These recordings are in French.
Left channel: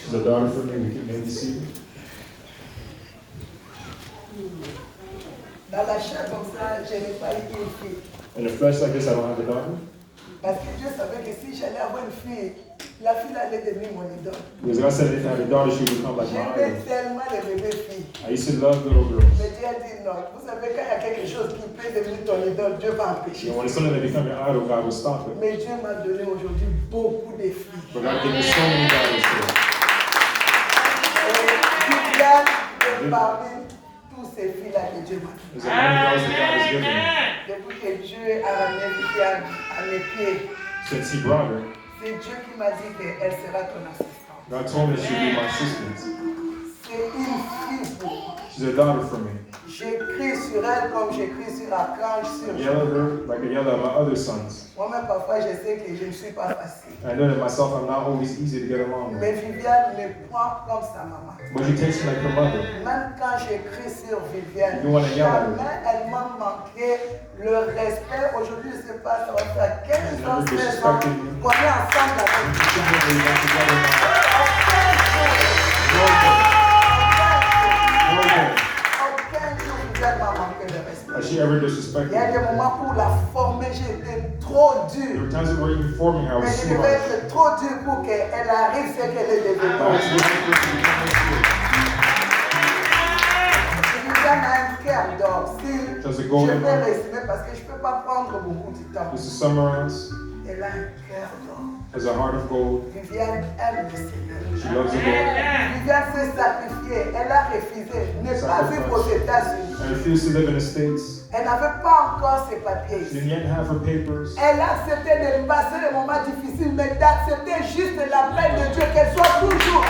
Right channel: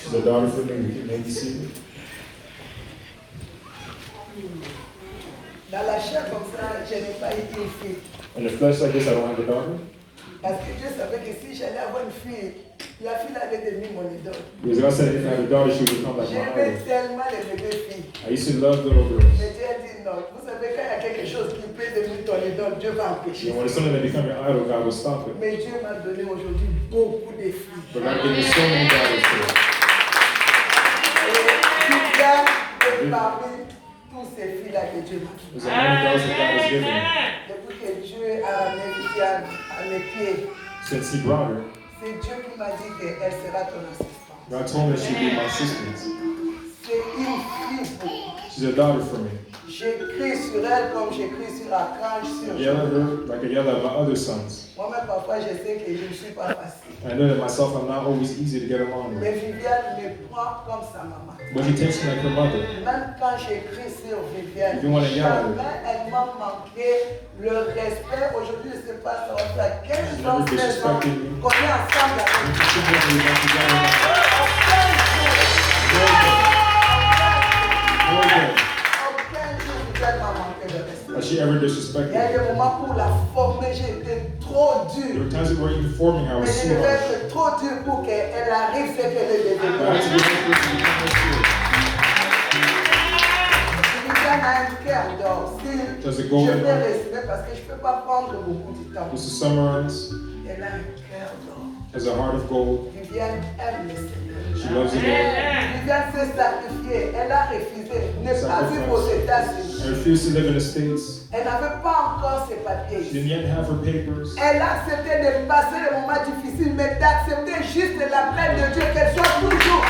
She's a daughter for me. We can maybe see her. Dans la chair comme ça, je n'ai pas eu une fille. In the flesh like this, I don't have a daughter. Parce que Dieu savait que si j'allais avoir une fille, la fille allait devenir mon idole. Because God said if I had a daughter, she would become like my J'aimais idol. tellement les bébés filles. I used to love little girls. Mais Dieu a dit non. Vous savez, quand il y a quelque chose qui peut devenir ton idole, Dieu va empêcher. And when it's something that become your idol, God will stop it. Mais Dieu m'a donné aujourd'hui beaucoup de filles. But God gave me so many daughters today. Et parmi tous ces filles-là que Dieu m'a donné. There's a many daughters that God has given me. Depuis que Dieu a ramené Viviane à mes pieds, Since He brought her, c'est Dieu qui m'a dit qu'elle sera ton assistante. God told me she'd be my assistant. C'est une fille pour moi. She's a daughter for me. J'écris sur elle comme j'écris sur Archange, sur I yell at her like I yell at my other sons. moi-même, parfois, je sais que je ne suis pas facile. I know that myself, I'm not always easy to get along Mais with. Viviane me prend comme sa maman. But she takes me like her mother. Même quand j'écris sur Viviane, You wanna yell at her? jamais elle m'a manqué le respect. Aujourd'hui, je ne sais pas, ça va faire 15 She's ans, never 16 ans disrespected me. qu'on est ensemble avec She told me we got together. Aucun No day jour, Viviane m'a manqué le respect. has she ever Il y disrespected a me. des moments où la former, j'ai été trop There dur. were times where even forming her, I was Mais je too devais harsh. être trop dur pour qu'elle arrive ce qu'elle est I devenue. had to be like this to become this good. Viviane a un cœur d'or. Si Does it je go vais in there? résumer parce que je ne peux pas prendre beaucoup de temps. Just to summarize, Elle a un cœur d'or. has a heart of gold. Viviane aime le Seigneur. She loves the Lord. Viviane s'est sacrifiée. Elle a refusé. Ne pas vivre aux États-Unis. I refused to live in the States. Elle n'avait pas encore ses She papiers. didn't yet have her papers. Elle a accepté de passer les moments difficiles, mais d'accepter juste l'appel de Dieu, qu'elle soit toujours.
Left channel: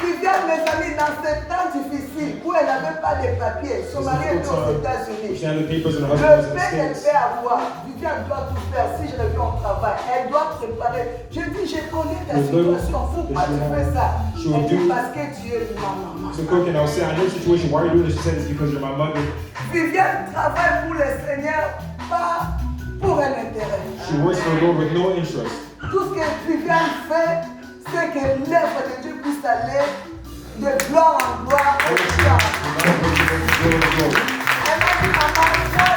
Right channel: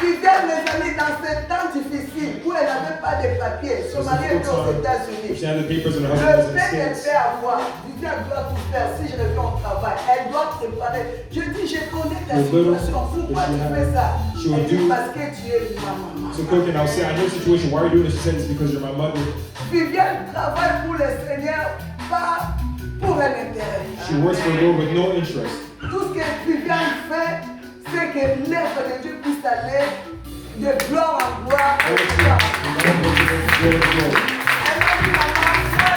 Viviane, mes amis, dans ces temps difficiles où elle n'avait pas de papiers, son mari était aux États-Unis. She had the papers and her Le husband was in the fait qu'elle States. fait avoir, Viviane doit tout faire. Si je reviens au travail, elle doit préparer. Je dis, je connais ta situation. Pourquoi tu fais ça? Elle dit, parce que tu es ma maman. So cooking, I was saying, I know the situation. Why are you doing this? She said it's because you're my mother. Viviane travaille pour le Seigneur, pas pour un intérêt. She works for the Lord with no interest. Tout ce que Viviane fait, c'est que l'œuvre de Dieu puisse aller de gloire en gloire. All Et that tout she ça. does is glory. Elle m'a dit, maman, moi,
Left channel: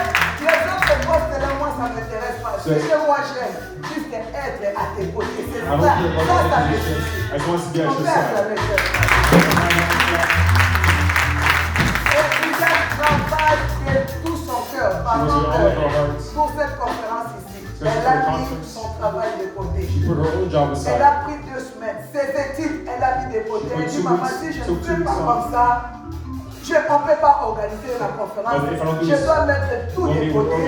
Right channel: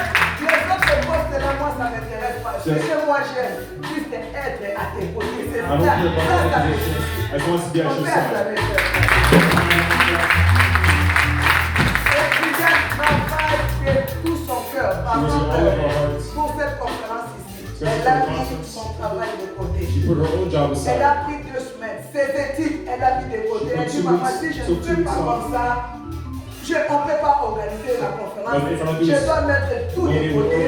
les autres postes-là, moi, ça ne m'intéresse pas. Ce que moi j'aime, juste être à tes côtés. C'est I ça. don't care about Ça, all ça the me positions. suffit. I just want to be at Mon your père, ça side. me suffit. Et Viviane travaille de tout son cœur. She Par was with all of her contre, hearts. pour cette conférence ici, So elle for a the mis conference, son travail de côté. She put her own job Elle aside. a pris 2 semaines. Ses études, elle a mis de côté. Elle dit, maman, si je ne fais pas comme ça, on ne peut pas organiser la conférence. Je dois mettre tout de côté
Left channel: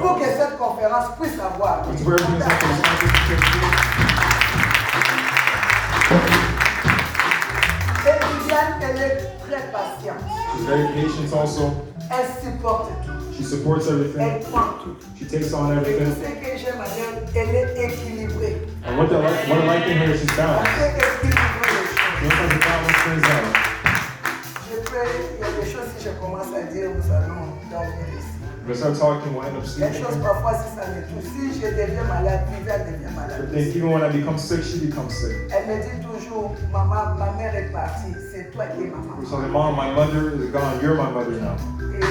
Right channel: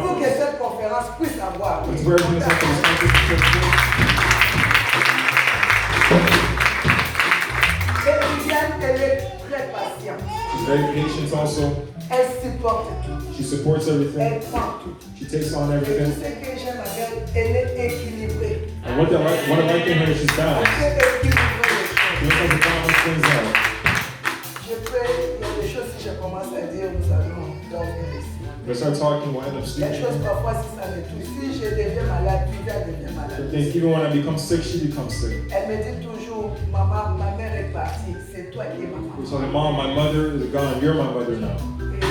pour que cette conférence puisse avoir. That's where everything is up for this conference. Et Viviane, elle est très patiente. She's very patient also. Elle supporte tout. She supports Elle everything. prend tout. She takes on Et tout everything. ce que j'aime à elle, elle est équilibrée. And what I like in her is she's Elle balanced. sait équilibrer les She choses. knows how to balance things out. Il y a des choses, si je commence à dire, nous allons dormir ici. If I start talking, we'll end up Les sleeping. choses, parfois, si ça me touche, si je deviens malade, Viviane devient malade. But then even when I become sick, she becomes sick. Elle me dit toujours, maman, ma mère est partie, c'est toi qui es maman. So the mom, my mother is gone. You're my mother now. Et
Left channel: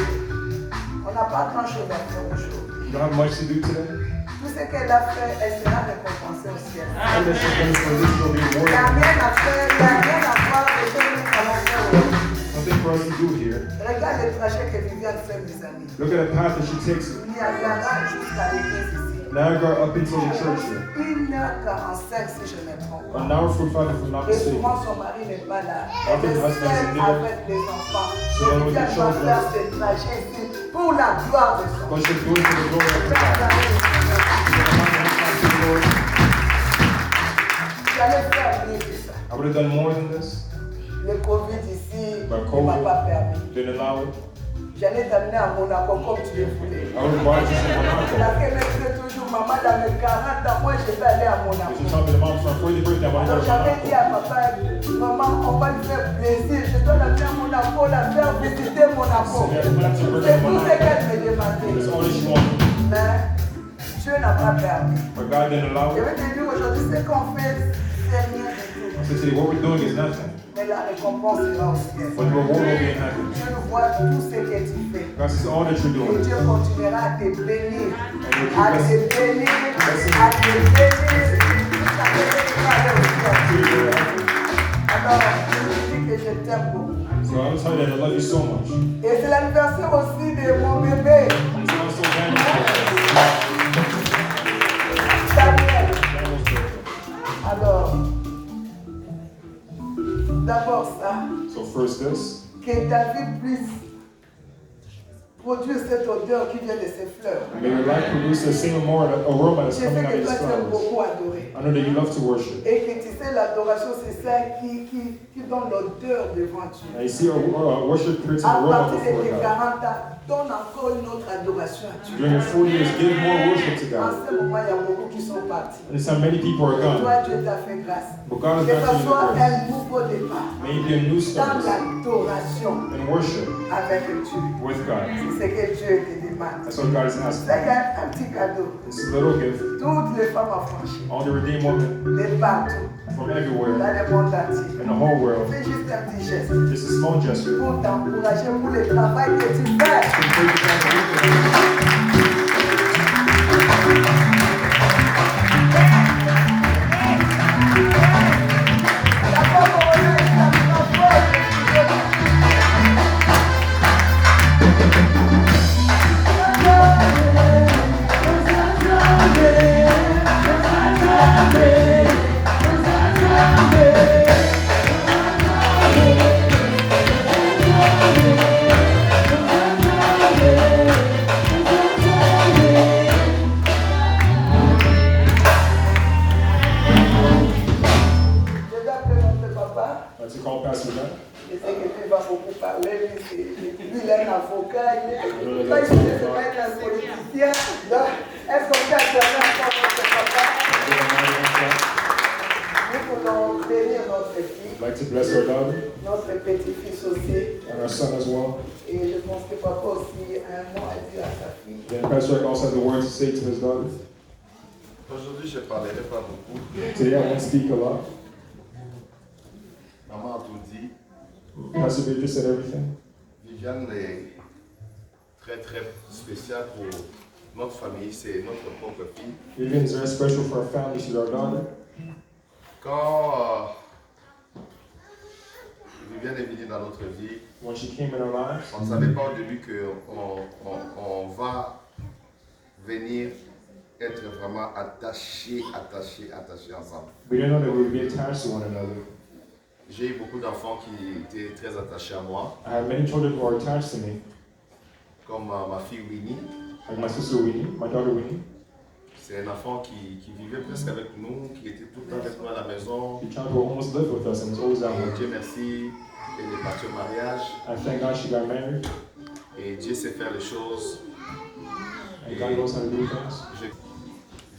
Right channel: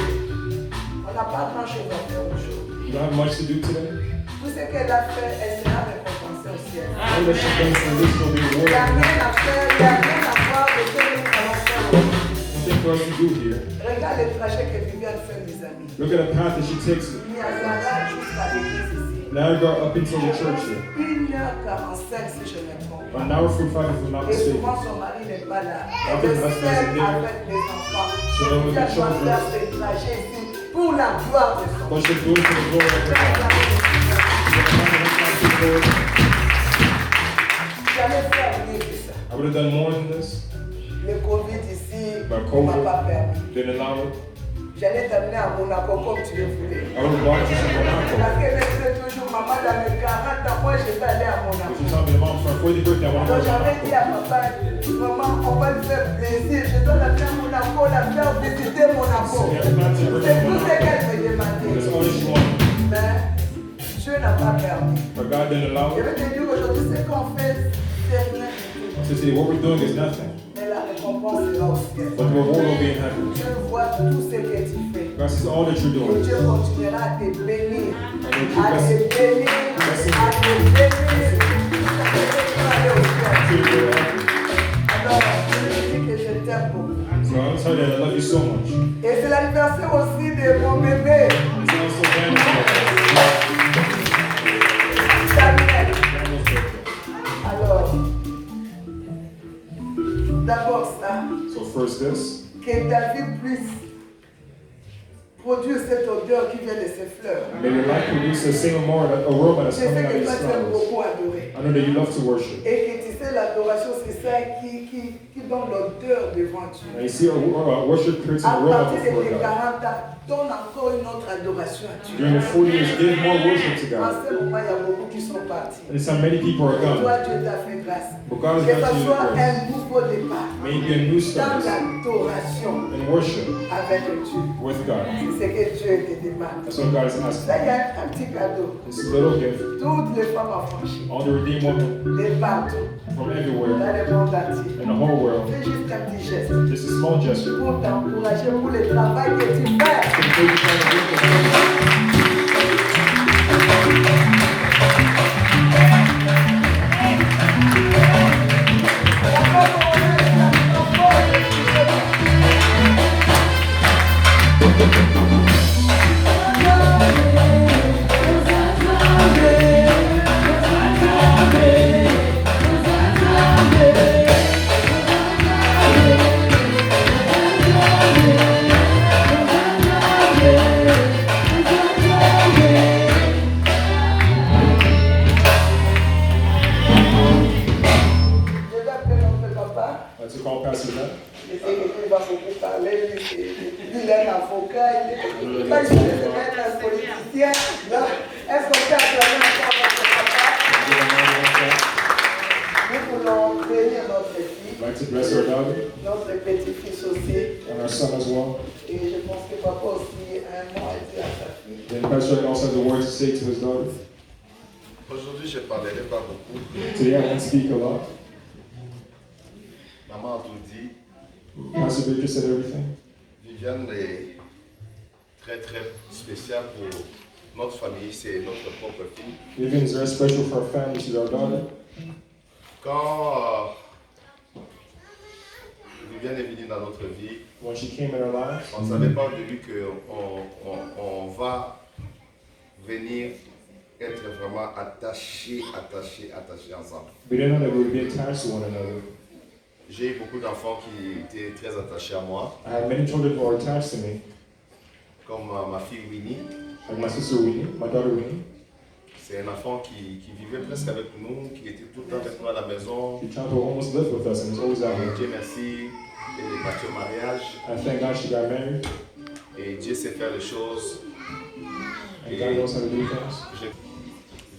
on n'a pas grand chose à faire aujourd'hui. You don't have much to do today. Tout ce qu'elle a fait, elle sera récompensée au ciel. All that she's done for this will be Il n'y a rewarded. rien à faire, il n'y a rien à voir de ce que nous allons faire aujourd'hui. Nothing for us to do here. Regarde le trajet que Viviane fait, mes amis. Look at the path that she takes. Niagara jusqu'à l'église ici. Niagara up until the church here. 1h45 si je ne me trompe pas. 1 hour 45 if I'm not Et mistaken. souvent son mari n'est pas là. Often Elle est husband seule isn't there. avec les enfants. So then with the Viviane doit children. faire ce trajet ici pour la gloire de son But she'll do it for the glory of God. J'allais faire mieux que ça. I would have done more than this. Le Covid ici But ne COVID m'a pas permis. didn't allow it. J'allais t'amener à Monaco comme tu le voulais. I would have brought you to Monaco. La fille me disait toujours, maman, dans mes 40 ans, moi je vais aller à Because Monaco. you're talking to mom for my 40th birthday, I want to Alors go to j'avais dit Monaco. à papa, maman, on va lui faire plaisir. Je dois la faire à Monaco, la faire visiter Monaco. So, yeah, that's her C'est birthday tout in ce Monaco. qu'elle me demandait. That's all that she wanted. Mais Dieu n'a pas permis. But God didn't allow Je it. vais te dire aujourd'hui, ce qu'on fait, c'est rien du tout. So see, what we're doing is nothing. Mais la récompense est là au ciel. But the reward will be in heaven. Dieu voit tout ce que tu fais. God sees all that you're Et doing. Dieu continuera à te bénir. And he'll À keep te bénir. À te bénir. Ça fait que tu vas aller au ciel. Alors, je te dis que je t'aime beaucoup. So I'll tell you that I love you so much. Et c'est l'anniversaire aussi de mon bébé, It's also Daniel's Daniel. birthday. Alors, d'abord ça, So first this, que ta vie puisse produire cette odeur qui vient de ces fleurs. may your life produce the same aroma Je that's sais coming out que of these toi tu aimes flowers. beaucoup adorer. I know that you love to worship. Et que tu sais, l'adoration, c'est ça qui donne l'odeur devant Dieu. And you see, worship creates an À aroma partir de before tes God. 40 ans, donne encore une autre adoration à Dieu. During the 40 years, give more worship to En God. ce moment, il y a beaucoup qui sont partis. And it's how many people are gone. Toi, Dieu t'a fait grâce. But God has Que granted ce you soit the grace. un nouveau départ May it be a new dans start l'adoration in worship avec Dieu. with God. C'est ce que Dieu te demande. That's what God is asking. Ça, il y a un petit cadeau. It's a little gift. Toutes les femmes affranchies, All the redeemed women les partout, from dans everywhere le monde entier. in the whole world. Fais juste un petit geste Just a small gesture. pour t'encourager pour le travail que tu fais. To take the time to look at it. Je vais appeler notre papa. That's a call Pastor Matt. Je sais que tu vas beaucoup parler, il est un avocat, il est pas juste un politicien. Donc, est-ce qu'on peut acclamer encore notre papa? Nous voulons bénir notre fille, I'd like to bless our daughter notre petit-fils aussi. and our son as well. Et je pense que papa aussi a un mot à dire à sa fille. Then Pastor Rick also has a word to say to his daughter. Aujourd'hui, je ne parlerai pas beaucoup. Today I won't speak a lot. Maman a tout dit. Pastor Victor said everything. Viviane est très très spéciale pour notre famille, c'est notre propre fille. Vivian is very special for our family. She's our daughter. Quand Viviane est venue dans notre vie, When she came in our lives, on ne savait pas au début qu'on va venir être vraiment attachés ensemble. we didn't know that we would be attached to one another. J'ai eu beaucoup d'enfants qui étaient très attachés à moi, I have many children who are attached to me, comme ma fille Winnie. like my sister Winnie, my daughter Winnie. C'est un enfant qui vivait presque avec nous, qui était tout le temps avec nous à la maison. She tried to almost live with us and was always at Et home. Dieu merci, elle est partie au mariage. I thank God she got married, Et Dieu sait faire les choses. and God knows how to do things.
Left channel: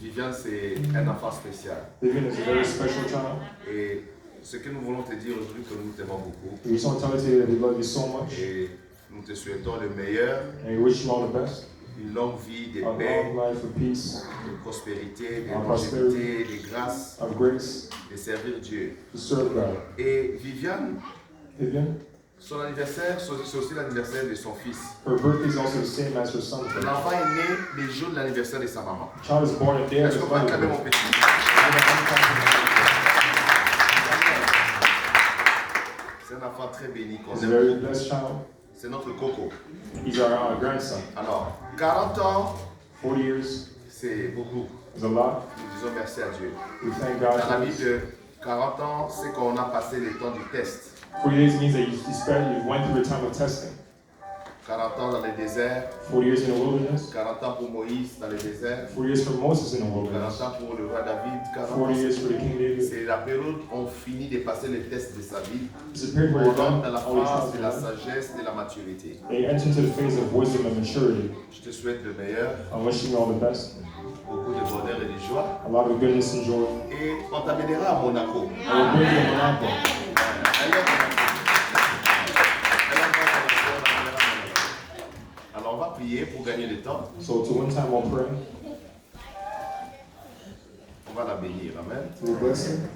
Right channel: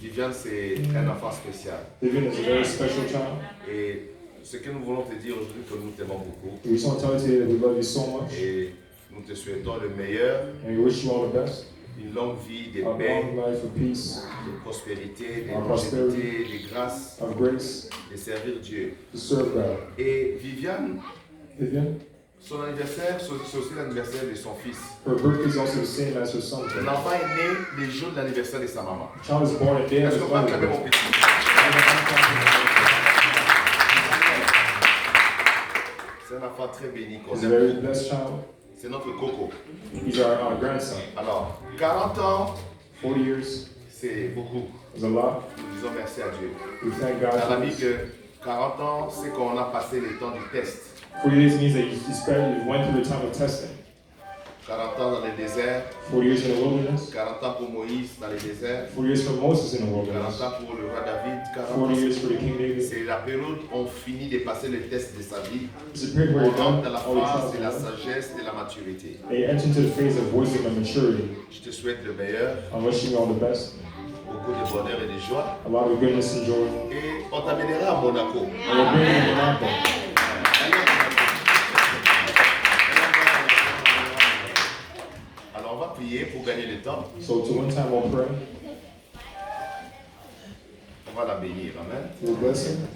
Viviane, c'est un enfant spécial. Vivian is a very special child. Et ce que nous voulons te dire aujourd'hui, que nous t'aimons beaucoup. We just want to tell you today that we love you so much, Et nous te souhaitons le meilleur, and we wish you all the best. une longue vie de A paix, long life of peace, de prospérité, de Of longévité, de grâce, of grace, de servir Dieu. to serve God. Et Viviane, Vivian, son anniversaire, c'est aussi l'anniversaire de son fils. her birthday is also the same as her son's birthday. L'enfant est né le jour de l'anniversaire de sa maman. The child was born a day of Est-ce his qu'on peut acclamer mother's mon birthday. petit? C'est un enfant très béni qu'on He's a aime. very blessed child. C'est notre coco. He's our grandson. Alors, 40 ans, 40 years c'est beaucoup. is a lot. Nous disons merci à Dieu. We thank God Dans la for vie this. de 40 ans, c'est qu'on a passé le temps du test. 40 years means that you went through the time of testing. 40 ans dans le désert, 40 years in the wilderness, 40 ans pour Moïse dans le désert, 40 years for Moses in the 40 wilderness, ans pour le roi David, 40 40 ans. years for the King David. C'est la période où on finit de passer le test de sa vie. It's a period where On you're done rentre dans la all the phase de la trials. sagesse, de la maturité. They enter into the phase of wisdom and maturity. Je te souhaite le meilleur, I'm wishing you all the best, beaucoup de bonheur et de joie. a lot of goodness and joy. Et on t'amènera à Monaco. And we'll bring you to Monaco. Alors on va prier pour gagner le temps. So to one time we'll pray. On va la bénir. Amen. We'll bless him.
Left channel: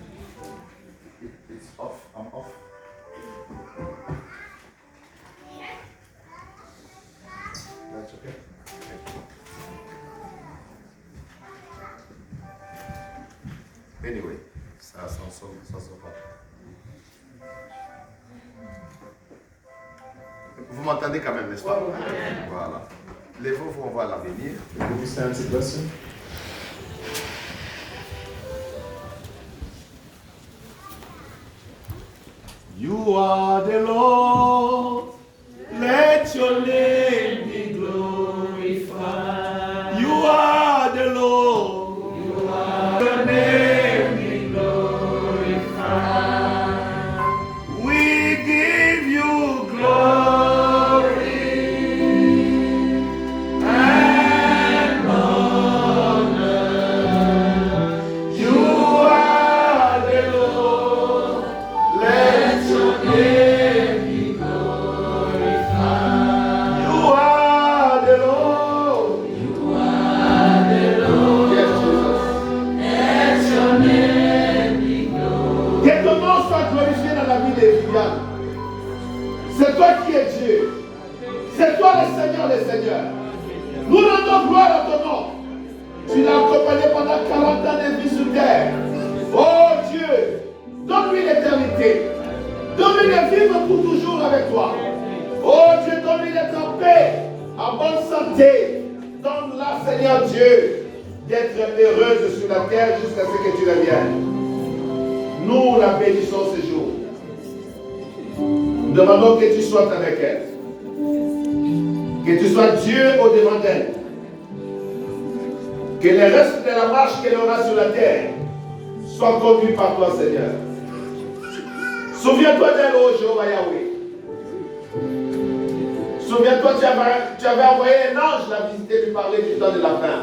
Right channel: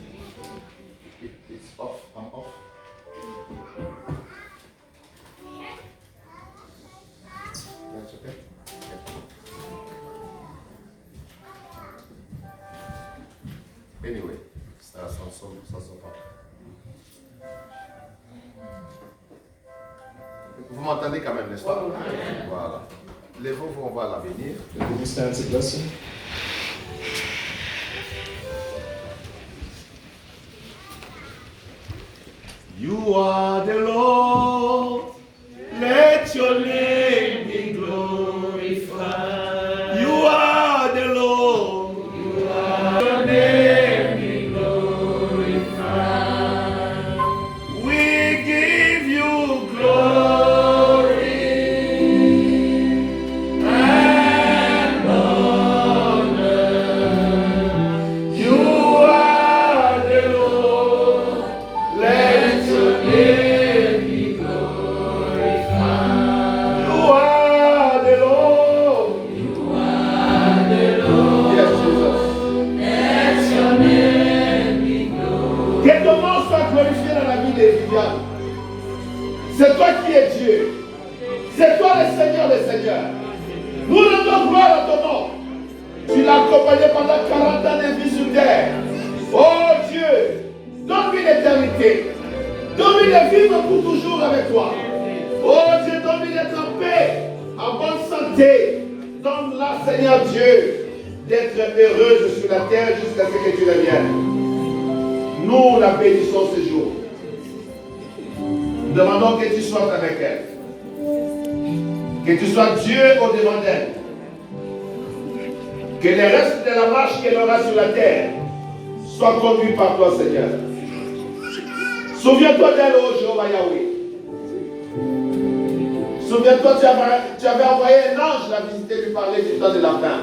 It's off. I'm off. That's okay. Anyway, ça sort pas. Vous m'entendez quand même, n'est-ce pas? Voilà. Lèvez-vous, on va la bénir. Will you stand to bless him? You are the Lord, let your name be glorified. You are the Lord, your name be glorified. We give you glory and honor. You are the Lord, let your name be glorified. You are the Lord. You are the Lord. Yes, Jesus. Let your name be glorified. Que ton nom soit glorifié dans la vie des Viviane. C'est toi qui es Dieu. C'est toi le Seigneur des Seigneurs. Nous rendons gloire à ton nom. Tu l'as accompagné pendant 40 ans de vie sur terre. Oh Dieu, donne-lui l'éternité. Donne-lui de vivre pour toujours avec toi. Oh Dieu, donne-lui d'être en paix, en bonne santé. Donne-la, Seigneur Dieu, d'être heureuse sur la terre jusqu'à ce que tu reviennes. Nous la bénissons ce jour. Nous demandons que tu sois avec elle. Que tu sois Dieu au-devant d'elle. Que le reste de la marche qu'elle aura sur la terre soit conduit par toi, Seigneur. Souviens-toi d'elle, oh Jéhovah Yahweh. Souviens-toi, tu avais envoyé un ange la visiter, lui parler du temps de la fin.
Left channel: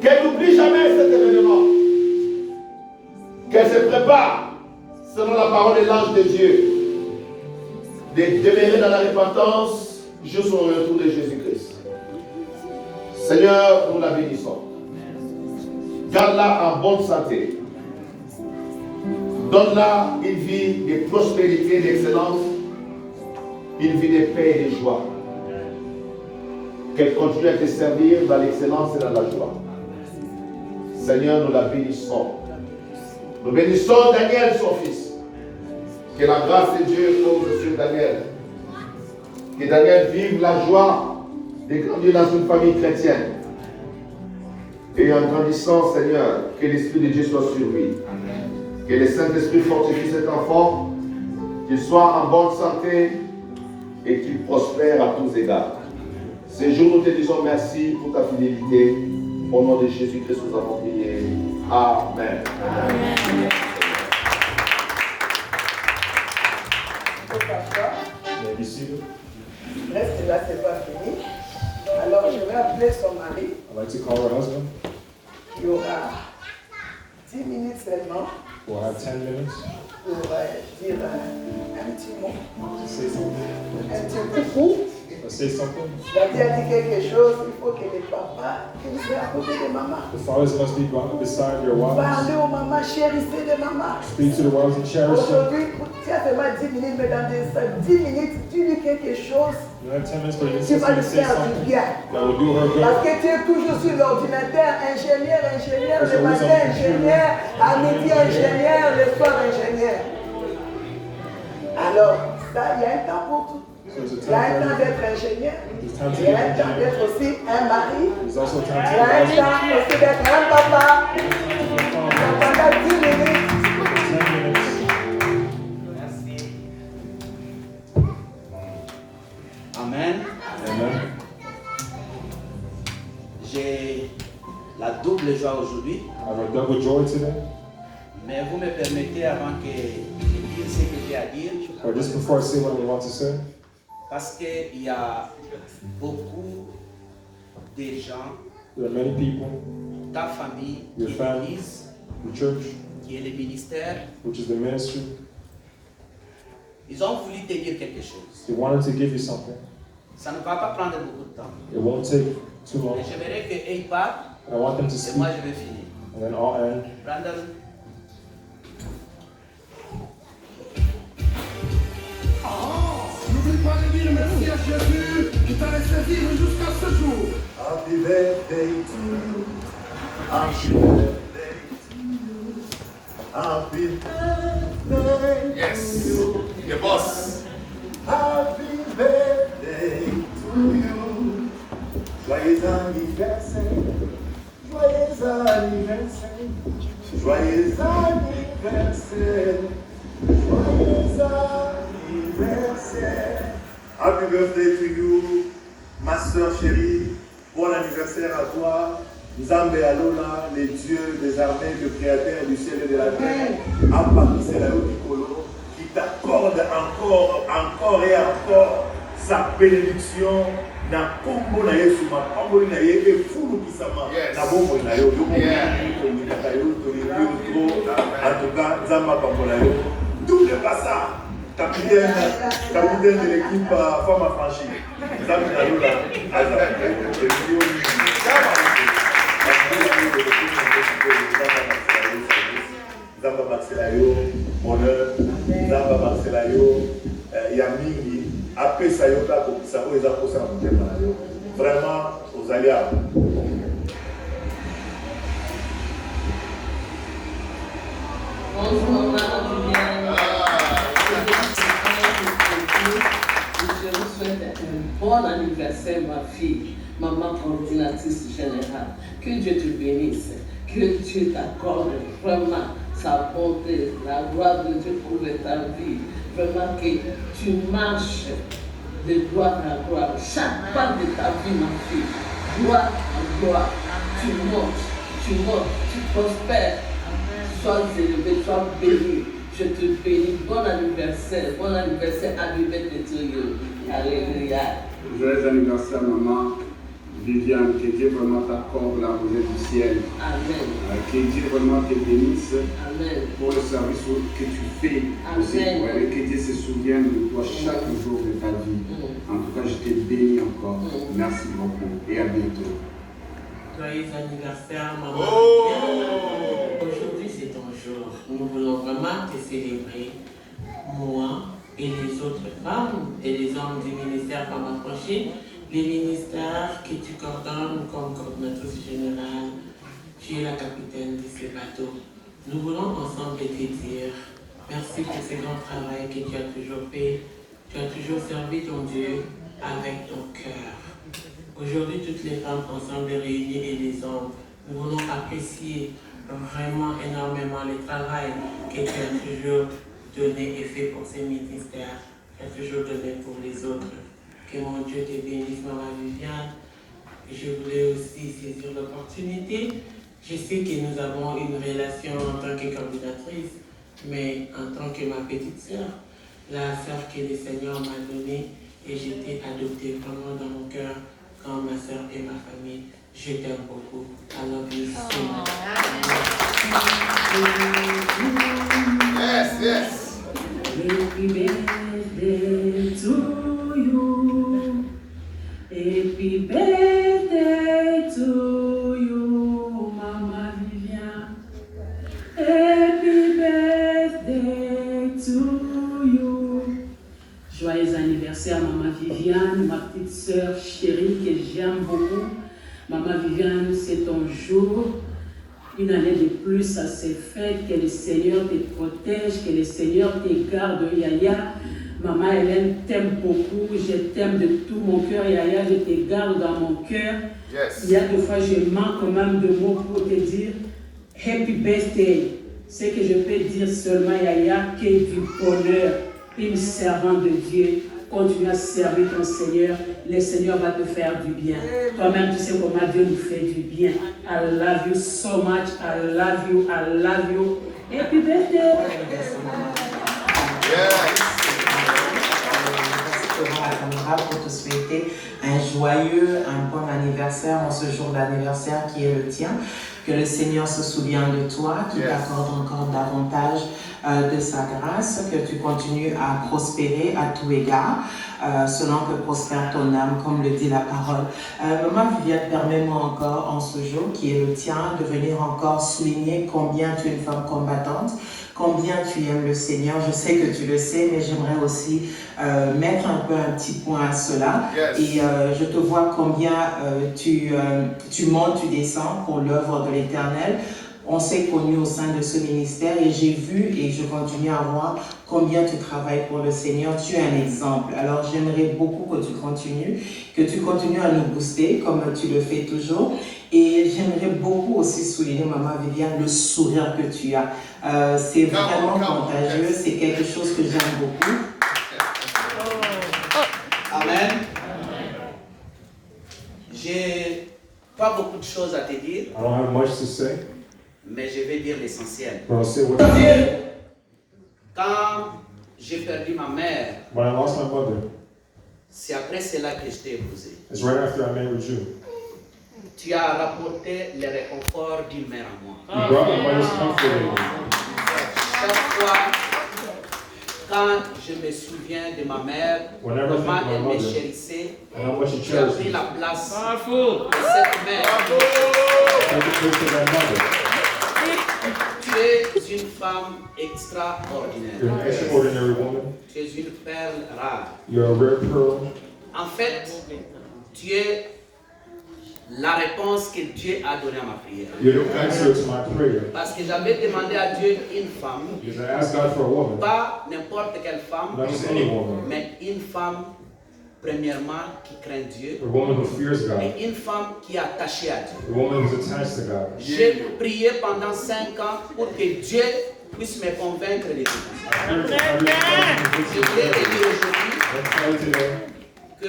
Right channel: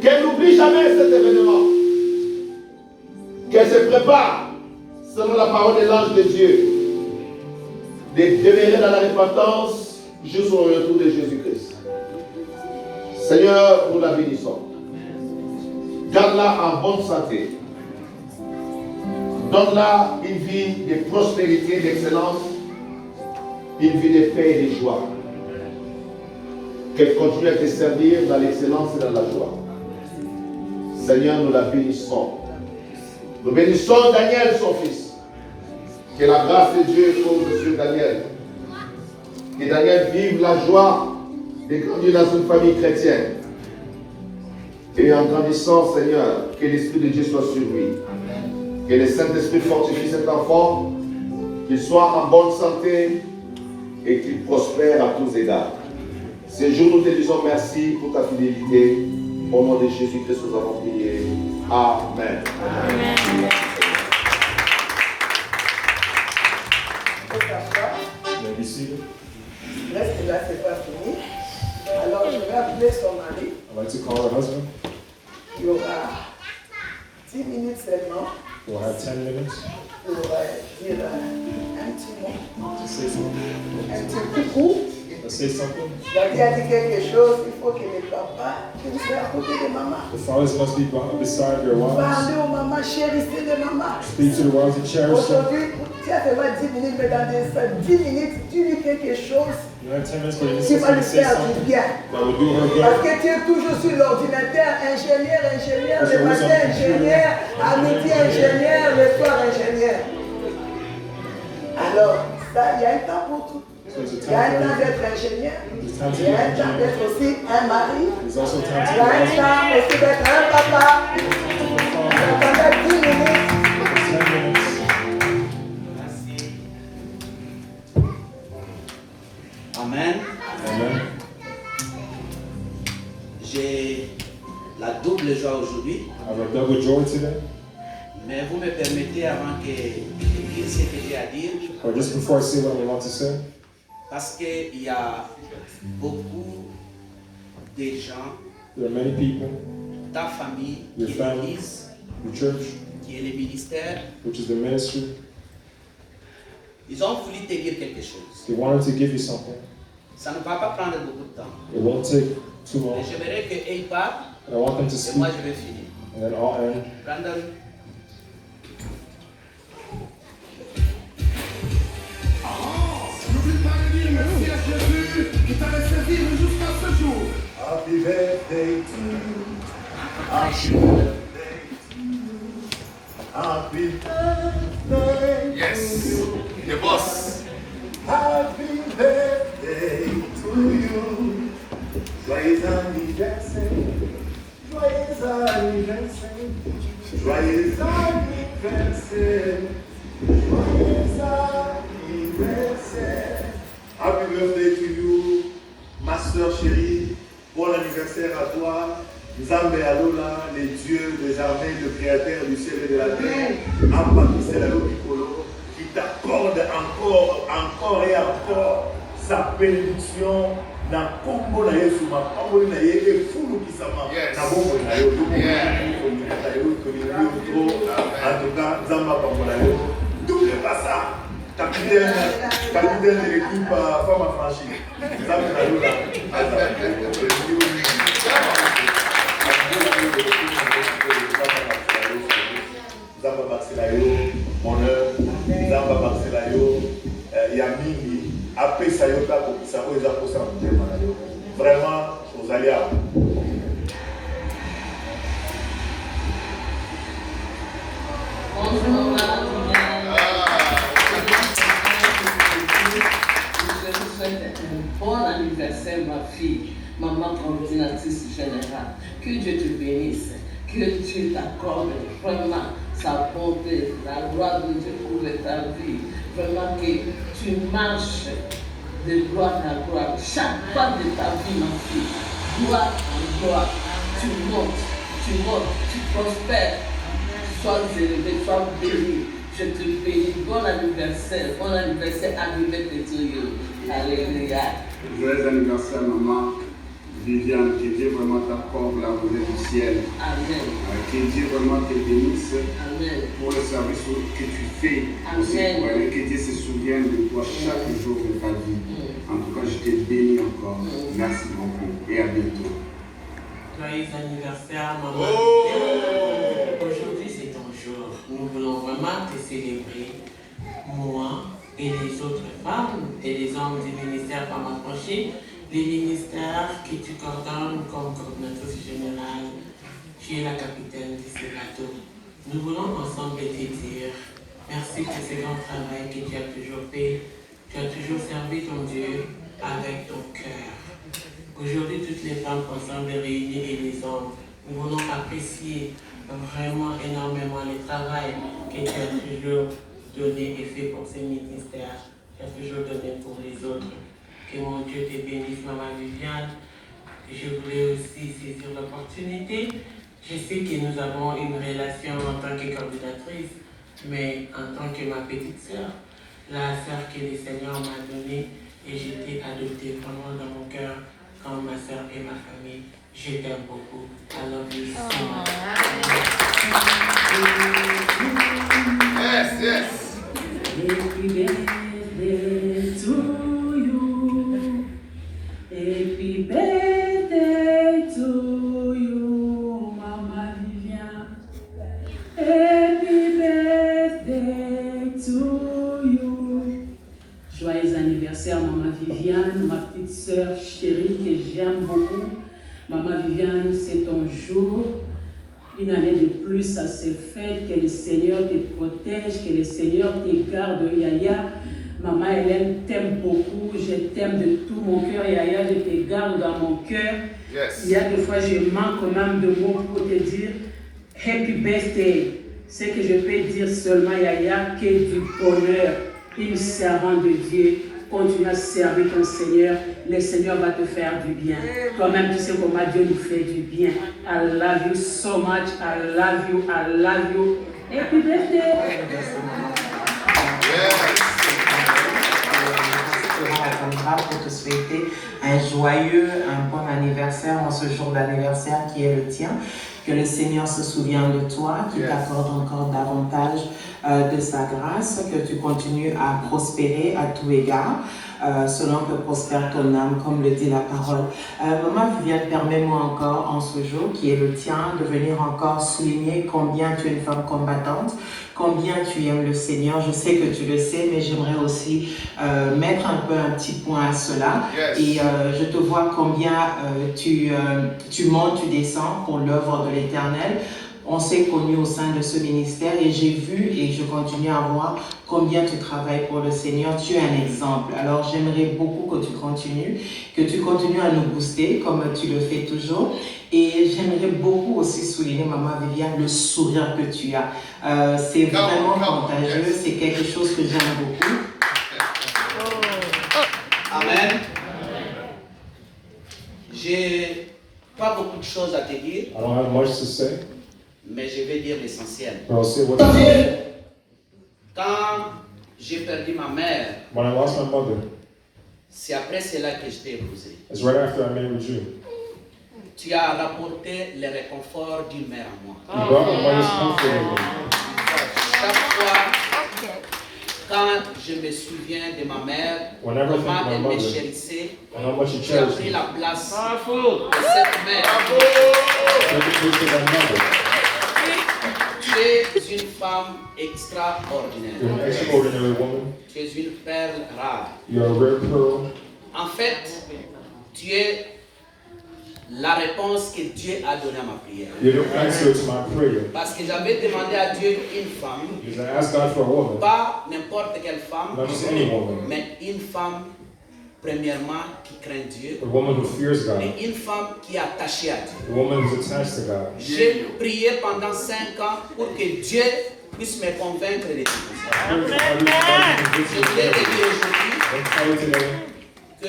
Qu'elle n'oublie jamais cet événement. Qu'elle se prépare, selon la parole de l'ange de Dieu, de demeurer dans la repentance jusqu'au retour de Jésus-Christ. Seigneur, nous la bénissons. Garde-la en bonne santé. Donne-la une vie de prospérité, d'excellence, une vie de paix et de joie. Qu'elle continue à te servir dans l'excellence et dans la joie. Seigneur, nous la bénissons. Nous bénissons Daniel, son fils. Que la grâce de Dieu tombe sur Daniel. Que Daniel vive la joie de grandir dans une famille chrétienne. Et en grandissant, Seigneur, que l'Esprit de Dieu soit sur lui. Que le Saint-Esprit fortifie cet enfant, qu'il soit en bonne santé et qu'il prospère à tous égards. Ce jour, nous te disons merci pour ta fidélité. Au nom de Jésus-Christ, nous avons prié. Amen. Amen. May be seated. Reste là, c'est pas fini. Alors, je vais appeler son mari. I'd like to call her husband. Il y aura 10 minutes seulement We'll have 10 minutes pour dire un petit mot, to say something. un petit coucou. Or say something. Daddy a dit quelque chose, il faut que le papa, que vous soyez à côté de maman. The fathers must be beside your wives. Parlez aux mamans, chérissez les mamans. Speak to the wives and cherish them. Aujourd'hui, tu as seulement 10 minutes, mais dans ces 10 minutes, tu dis quelque chose You have 10 minutes for you qui va to lui say faire du something bien. that will do her Parce good. que tu es toujours sur l'ordinateur, ingénieur, Parce le que vous matin êtes ingénieur, à midi ingénieur, le soir ingénieur. Alors, ça, il y a un temps pour tout. There's a Il y a un time temps for d'être ingénieur. There's time to Il y be a un an temps engineer. d'être aussi un mari. There's also time Il to y a be un a husband. temps aussi d'être un papa. Pendant 10 minutes, 10 minutes. Amen. Amen. J'ai la double joie aujourd'hui, I have a double joy today. mais vous me permettez avant que je dise ce que j'ai à dire, But just before I say what I want to say, parce qu'il y a beaucoup de gens, there are many people, ta famille, Your qui est family. l'église, the church, qui est le ministère, which is the ministry, ils ont voulu te dire quelque chose. they wanted to give you something. Ça ne va pas prendre beaucoup de temps. It won't take too long. Mais j'aimerais qu'ils parlent And I want them to Et speak. moi, je vais finir. And then I'll end. Brandon. N'oublie pas de dire merci à Jésus qui t'a laissé vivre jusqu'à ce jour. Happy birthday to you. Happy birthday to you. Happy birthday yes. to you. The boss. Happy birthday to you. Joyeux anniversaire. Joyeux anniversaire. Joyeux anniversaire. Joyeux anniversaire. Happy birthday to you, ma soeur chérie. Bon anniversaire à toi. Nzambe Alola, les dieux des armées, le créateur du ciel et de la terre. Ampakisela Mikolo, qui t'accorde encore et encore sa bénédiction. Na kombo na Yesu makombo na ye e fulu kisama na bombo na yo en tout cas Nzamba kombo na yo double passa capitaine de l'équipe femme affranchie Nzamba na yo là Nzamba Marcela yo honneur Nzamba Marcela yo ya mingi apesa yo tako kisako eza kosa motema na yo vraiment ozali awa Bonjour, madame. Je vous souhaite un bon anniversaire, ma fille, maman coordinatrice générale. Que Dieu te bénisse, que Dieu t'accorde vraiment sa bonté, la gloire de Dieu pour ta vie. Vraiment que tu marches de gloire en gloire. Chaque part de ta vie, ma fille, gloire en gloire. Tu montes, tu prospères. Sois élevé, sois béni. Je te bénis. Bon anniversaire arrivé de Dieu. Alléluia. Joyeux anniversaire, maman Viviane. Que Dieu vraiment t'accorde la rosée du ciel. Amen. Que Dieu vraiment te bénisse Amen. pour le service que tu fais. Amen. Et que Dieu se souvienne de toi chaque jour de ta vie. En tout cas, je te bénis encore. Merci beaucoup et à bientôt. Joyeux anniversaire, maman. Aujourd'hui, c'est ton jour. Nous voulons vraiment te célébrer, moi et les autres femmes et les hommes du ministère Femmes Affranchies, les ministères que tu coordonnes comme coordinatrice générale. Tu es la capitaine de ce bateau. Nous voulons ensemble te dire merci pour ce grand travail que tu as toujours fait. Tu as toujours servi ton Dieu avec ton cœur. Aujourd'hui, toutes les femmes ensemble réunies et les hommes, nous voulons apprécier vraiment énormément le travail que tu as toujours donné et fait pour ces ministères. Tu as toujours donné pour les autres. Que mon Dieu te bénisse, maman Viviane. Je voulais aussi saisir l'opportunité. Je sais que nous avons une relation en tant que coordinatrice, mais en tant que ma petite sœur, la sœur que le Seigneur m'a donnée, et j'ai été adoptée vraiment dans mon cœur comme ma sœur et ma famille. Je t'aime beaucoup. I love you so much. yes yes Happy birthday to you. Happy birthday to you, Mama Viviane. Happy birthday to you. Joyeux anniversaire, Maman Viviane, ma petite sœur chérie que j'aime beaucoup. Maman Viviane, c'est ton jour. Une année de plus à ces fêtes, que le Seigneur te protège, que le Seigneur te garde, Yaya. Maman Hélène t'aime beaucoup, je t'aime de tout mon cœur, Yaya, je te garde dans mon cœur. yes Il y a des fois, je manque même de mots pour te dire Happy Birthday. Ce que je peux dire seulement, Yaya, que du bonheur, une servante de Dieu. Continue à servir ton Seigneur, le Seigneur va te faire du bien. Toi-même, tu sais comment Dieu nous fait du bien. I love you so much, I love you, I love you. Happy birthday! Pour te souhaiter un joyeux, un bon anniversaire en ce jour d'anniversaire qui est le tien. Que le Seigneur se souvienne de toi, qu'il t'accorde encore davantage de sa grâce, que tu continues à prospérer à tout égard. selon que prospère ton âme, comme le dit la parole. Maman Viviane, permets-moi encore en ce jour, qui est le tien, de venir encore souligner combien tu es une femme combattante, combien tu aimes le Seigneur. Je sais que tu le sais, mais j'aimerais aussi mettre un petit point à cela. Yes. Et je te vois combien tu montes, tu descends pour l'œuvre de l'Éternel. On s'est connus au sein de ce ministère et j'ai vu et je continue à voir combien tu travailles pour le Seigneur. Tu es un exemple. Alors j'aimerais beaucoup que tu continues à nous booster comme tu le fais toujours. Et j'aimerais beaucoup aussi souligner, Maman Viviane, le sourire que tu as. C'est vraiment contagieux, c'est quelque chose que j'aime beaucoup. Amen. J'ai pas beaucoup de choses à te dire, I don't have much to say, mais je vais dire l'essentiel. but I'll say what Quand j'ai perdu ma mère, when I lost my mother, c'est après cela que je t'ai épousé. it's right after I married you. Tu as rapporté le réconfort d'une mère à moi. You brought my mother's comfort in me. Chaque fois, quand je me souviens de ma mère, Whenever I think comment of my elle me mother, chérissait, and how much she tu as cherished pris me. la place de cette mère. Take the place of that mother. Tu es une femme You're extraordinaire. an extraordinary woman. Tu es une perle rare. You're a rare pearl. En fait, tu es la réponse que Dieu a donnée à ma prière. You're the answer to my prayer. Parce que j'avais demandé à Dieu une femme, Because I asked God for a woman, pas n'importe quelle femme, not just any woman, mais une femme, premièrement, qui craint Dieu, a woman who fears God, et une femme qui est attachée à Dieu. a woman who's attached to God. J'ai prié pendant 5 ans pour que Dieu puisse me convaincre de tout ça. Je voulais te dire aujourd'hui que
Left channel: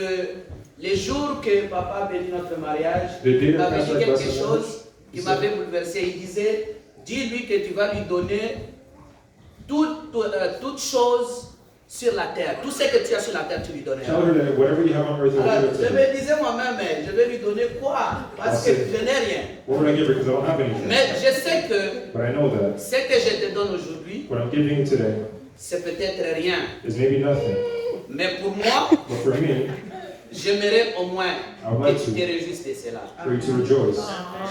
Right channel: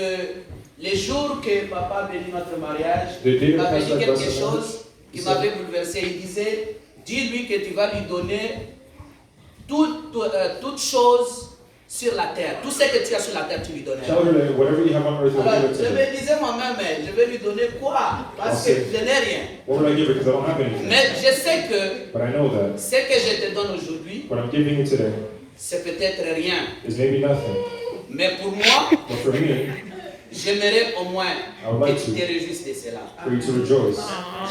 les jours que papa bénit notre mariage, il m'avait dit quelque chose qui m'avait bouleversé. Il disait, dis-lui que tu vas lui donner toutes choses sur la terre. Tout ce que tu as sur la terre, tu lui donneras. Tell her that whatever you have on earth, you'll Alors, give it je to me her. disais moi-même, mais je vais lui donner quoi? Parce que je n'ai rien. What would I give her? Because I don't have anything. Mais je sais que But I know that ce que je te donne aujourd'hui, what I'm giving you today c'est peut-être rien. is maybe nothing. Mais pour moi, But for me, j'aimerais au moins would que like tu to. te réjouisses de cela. for you to rejoice.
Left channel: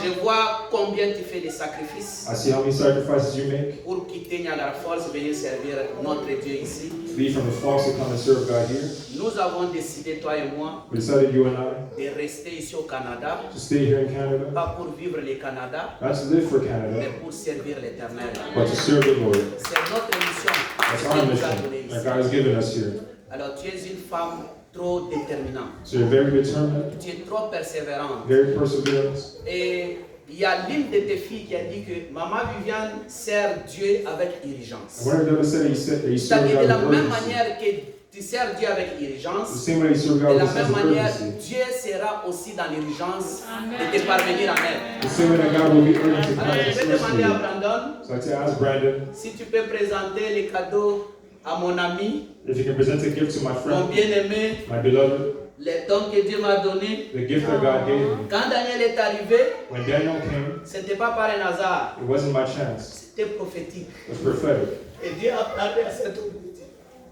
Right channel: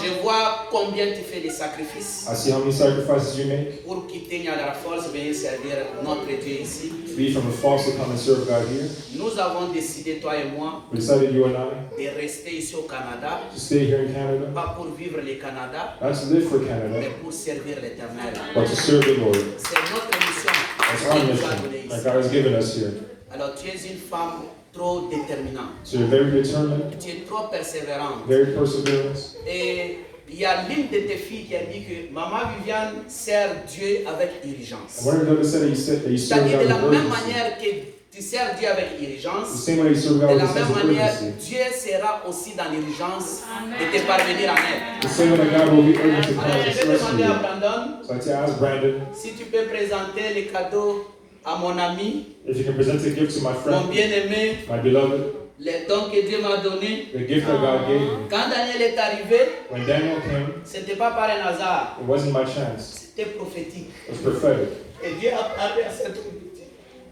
Je vois combien tu fais de sacrifices I see how many sacrifices you make. pour quitter Niagara Falls, venir servir notre Dieu ici. Leave from the false to come and serve God here. Nous avons décidé, toi et moi, We decided, you and I, de rester ici au Canada, to stay here in Canada, pas pour vivre le Canada, not to live for mais Canada, pour servir l'Éternel. but to serve the Lord. C'est notre mission That's que our Dieu nous a mission donnée that ici. God has given us here. Alors tu es une femme trop déterminante, So you're very determined, tu es trop persévérante. very perseverant. Et il y a l'une de tes filles qui a dit que Maman Viviane sert Dieu avec urgence. One of the others said that you serve C'est-à-dire God de la with même urgency. manière que tu sers Dieu avec The urgence, same way you serve de God la with a même sense of manière, urgency. Dieu sera aussi dans l'urgence de te parvenir en aide. The same way that God will be urgent to come Alors je and vais bless demander à you. Brandon So I to ask Brandon si tu peux présenter les cadeaux à mon ami, if you can present a gift to my mon friend, bien-aimé, my beloved, les dons que Dieu m'a donnés. the gift that God gave me. Quand Daniel est arrivé, When Daniel came, ce n'était pas par un hasard, it wasn't my chance. c'était prophétique. It was prophetic. Et Dieu a parlé à cet homme.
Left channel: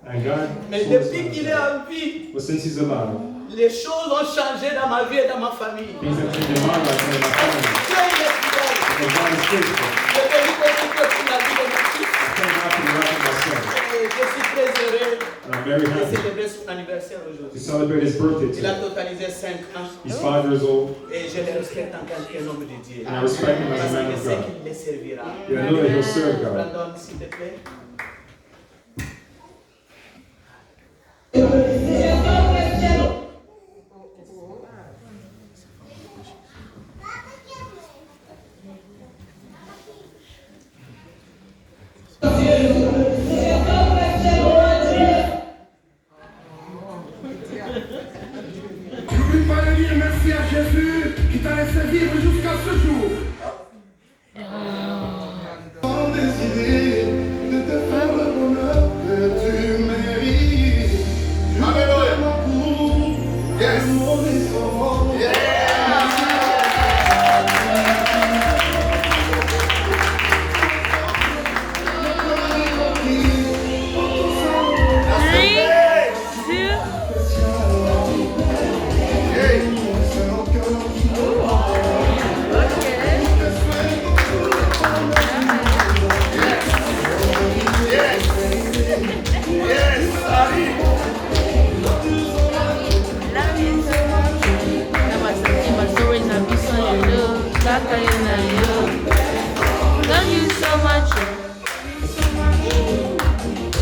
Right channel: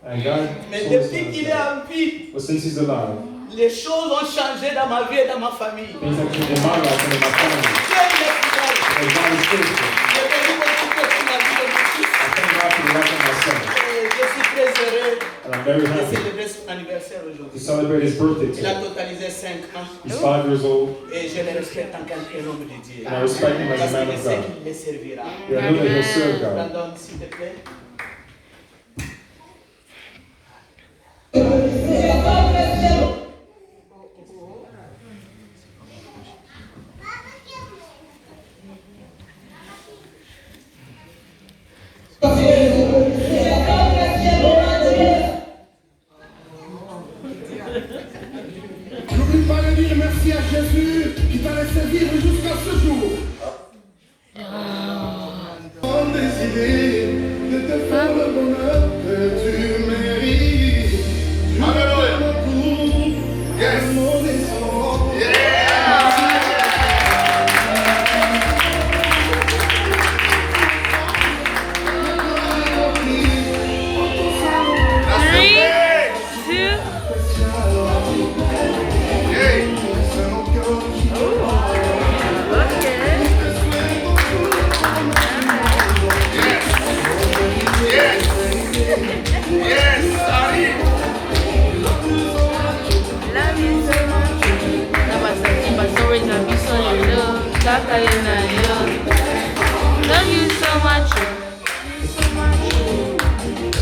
And God Mais told us depuis qu'il est that. en vie, But since he's alive, les choses ont changé dans ma vie et dans ma famille. things have changed in my life and in my family. Dieu est fidèle. And God is faithful. Je bénis beaucoup pour la vie de mon fils. I thank God for the life of my son. Et je suis très heureux And I'm very de happy célébrer son anniversaire to aujourd'hui. celebrate his birthday Il a today. totalisé 5 ans He's 5 years old, et je le respecte en tant qu'un homme de Dieu. and I respect him as Parce a man que je of sais God. qu'il les servira. Yeah, I know that he'll serve God. Brandon, s'il te plaît. N'oublie pas de dire merci à Jésus qui t'a laissé vivre jusqu'à ce jour. On décidé de te Love you so much. So much.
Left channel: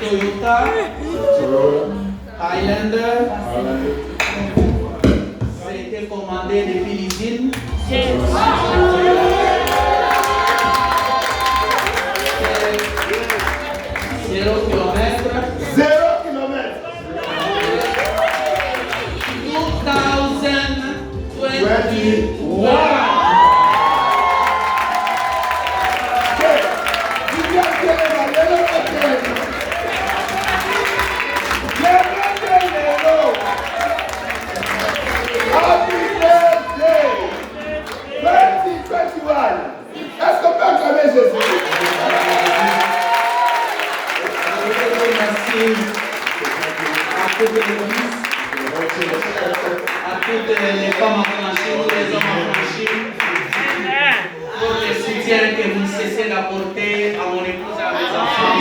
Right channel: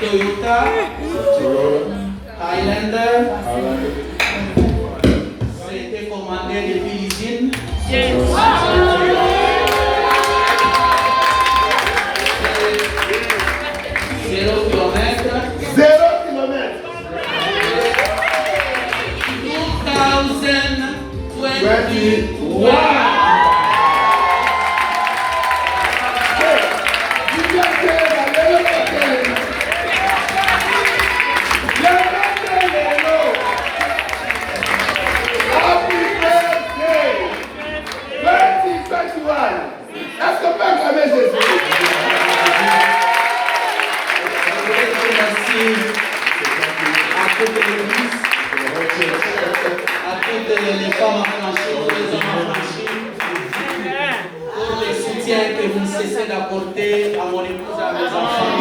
Toyota, Highlander, ça a été commandé depuis l'usine. 0 km. 0 km. 2021. Est-ce qu'on peut acclamer Jésus? Merci à toutes les églises, à toutes les femmes affranchies, tous les hommes affranchis, pour les soutiens que vous ne cessez d'apporter à mon épouse et à mes enfants.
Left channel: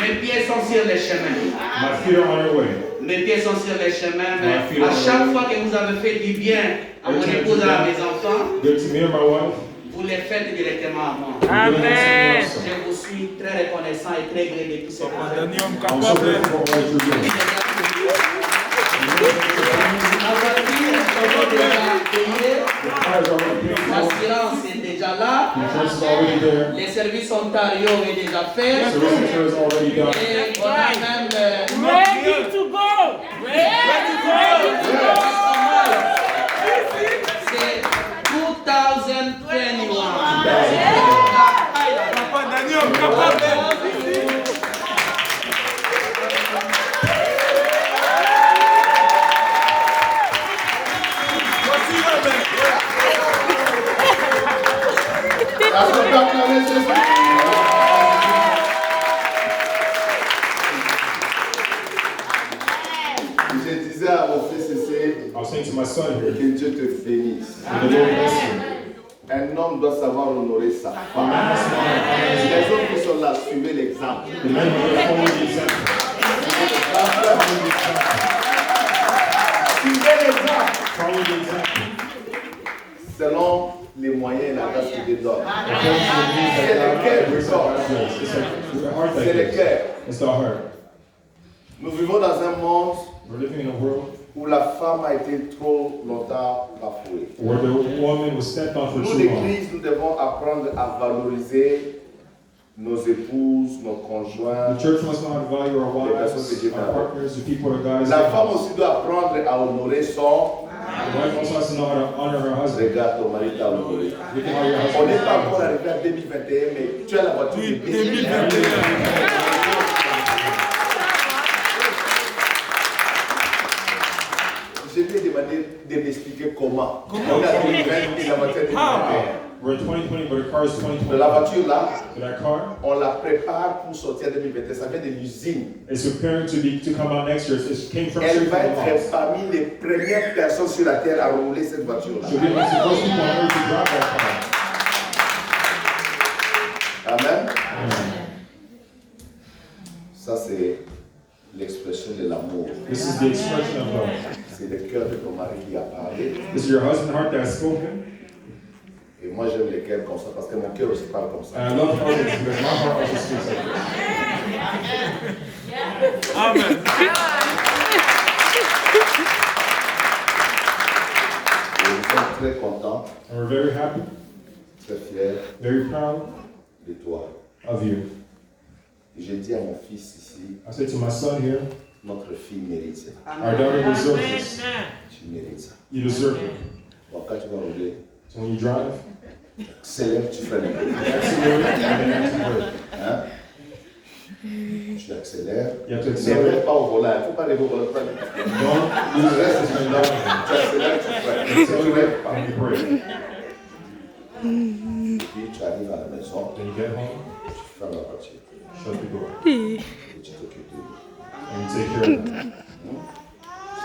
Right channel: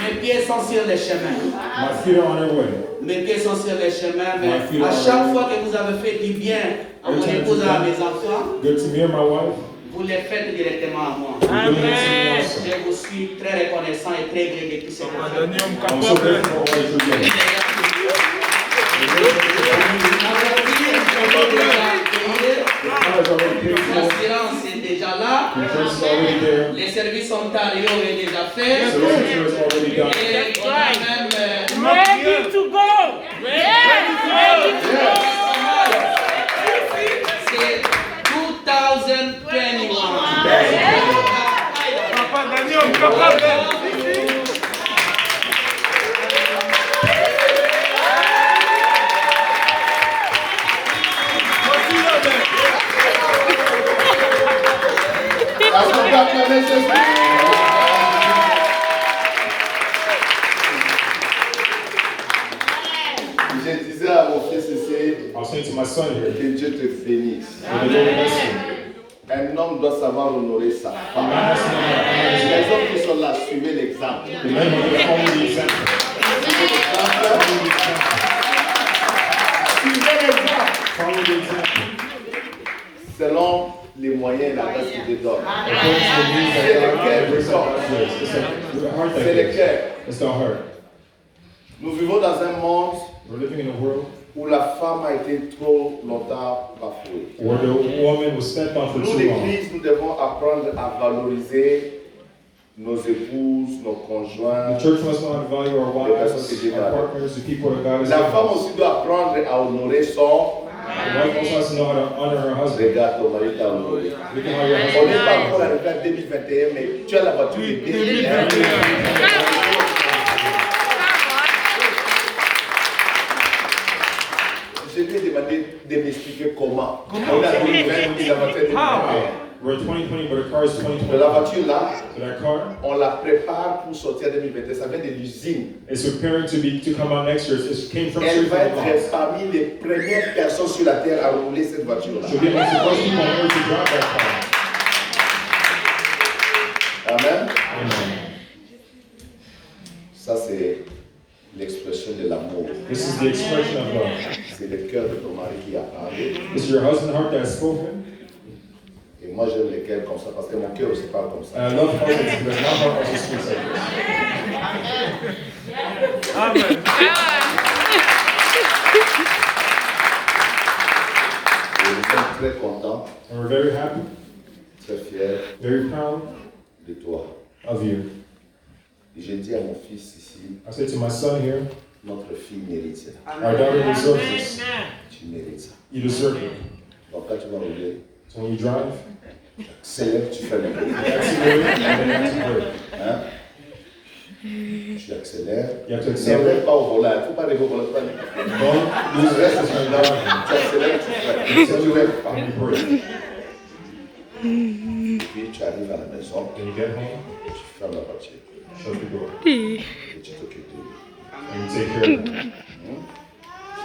Mes pieds sont sur les chemins. My feet are on their way. Mes pieds sont sur les chemins, mais à chaque fois que vous avez fait du bien à mon épouse et à mes enfants, Good to me and my wife. vous les faites directement à moi. Amen. Je vous suis très reconnaissant et très gré depuis cette affaire. I'm so grateful for what you're doing. L'assurance est déjà là. Les services Ontario est déjà fait. Et on a même Ready to go. Ready to go. c'est 2021. Papa Daniel, papa. Est-ce qu'on peut acclamer Jésus? Je disais à mon fils ici, I was saying to my son here, que Dieu te bénisse. may the Lord bless you. Un homme doit savoir honorer sa femme. Les autres qui sont là, suivez l'exemple. The men who will follow the example. Suivez l'exemple. Follow the example. Selon les moyens et la grâce qu'il te donne. According to the needs that God gives, it's the heart that C'est le gives. cœur. It's the heart. Nous vivons dans un monde We're living in a world où la femme a été trop longtemps bafouée. where the woman was stepped on for Nous, too long. l'Église, nous devons apprendre à valoriser nos épouses, nos conjoints. The church must know how to value our wives, our partners, the people that God has La given femme us. aussi doit apprendre à honorer son. The wife also has to know how to honor her husband. Regarde ton mari t'a honoré. Look at how your On n'est husband pas encore arrivé à 2021, mais tu as la voiture de 2021. Je lui ai demandé de m'expliquer comment. On a 2020, la voiture de 2021. We're 2020, but the car is 2020. La voiture là, So that car on la prépare pour sortir en 2021. Ça vient de l'usine. is preparing to come out next year. It came from Elle va Super être parmi les premières personnes sur la terre à rouler cette voiture là. So we want to first people on earth to drive that car. Amen. Amen. Ça, c'est l'expression de l'amour. This is the expression of love. C'est le cœur de ton mari qui a parlé. This is your husband's heart that has spoken. Et moi, j'aime les cœurs comme ça parce que mon cœur aussi parle comme ça. And I love hearts because my heart also speaks like this. Amen. Et nous sommes très contents, And we're very happy, très fiers very proud de toi. of you. Et j'ai dit à mon fils ici, I said to my son here, notre fille mérite ça. our daughter deserves this. Tu mérites ça. You deserve it. Donc quand tu vas rouler, So when you drive, tu accélères, tu fais n'importe quoi. accelerate and then accelerate. Hein? Tu accélères. You have to Ne accelerate. rêve pas au volant, il ne faut pas rêver au volant. Don't Tu lose restes rest là, tu accélères, tu fais. Si tu rêves pas. and you brake. Et puis tu arrives à la maison, Then you get home, tu fermes la voiture shut the door, et tu t'occupes de lui. and you take care of them.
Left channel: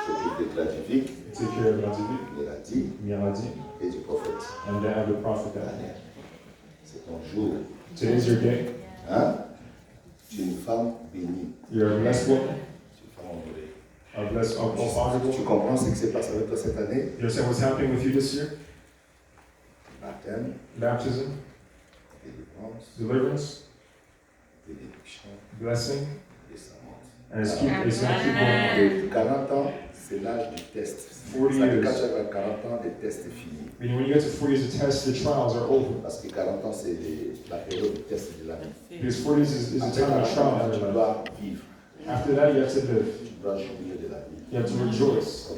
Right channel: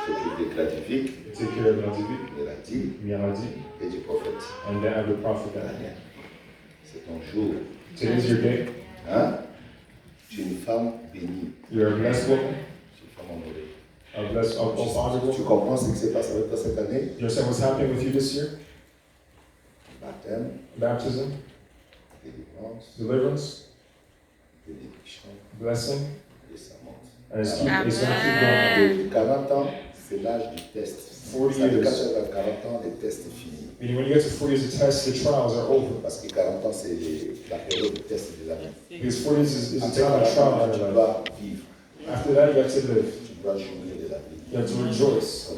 Tu t'occupes de Gradivic, You take care of Nazivi, de la dit Miyanaji, et du prophète. and then have the prophet Daniel. Daniel. C'est ton jour. Today's your day. Hein? Tu es une femme bénie. You're a blessed woman, Tu es une femme honorée. a blessed, honorable. Tu comprends ce qui s'est passé avec toi cette année? You understand what's happening with you this year? Baptême, Baptism, délivrance, deliverance, bénédiction, blessing, descendance. and it's going to keep going. Et 40 ans, c'est l'âge du test. 40 Ça dit years. quand tu as 40 ans, les tests sont finis. Meaning when you get to 40 years, the tests, the trials are over. Parce que 40 ans, c'est la période de test de la vie. Because 40 years is a Après time of 40 ans, trial tu in your life. dois vivre. After that, you have to live. Tu dois jouir de la vie. You have to rejoice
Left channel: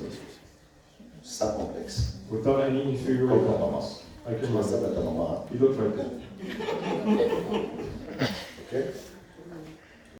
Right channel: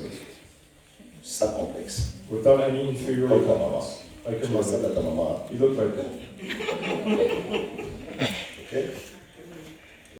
Sans complexe. without any Comme inferiority. ta maman. Like Tu your ressembles mother. à ta maman. You look like that. Ok?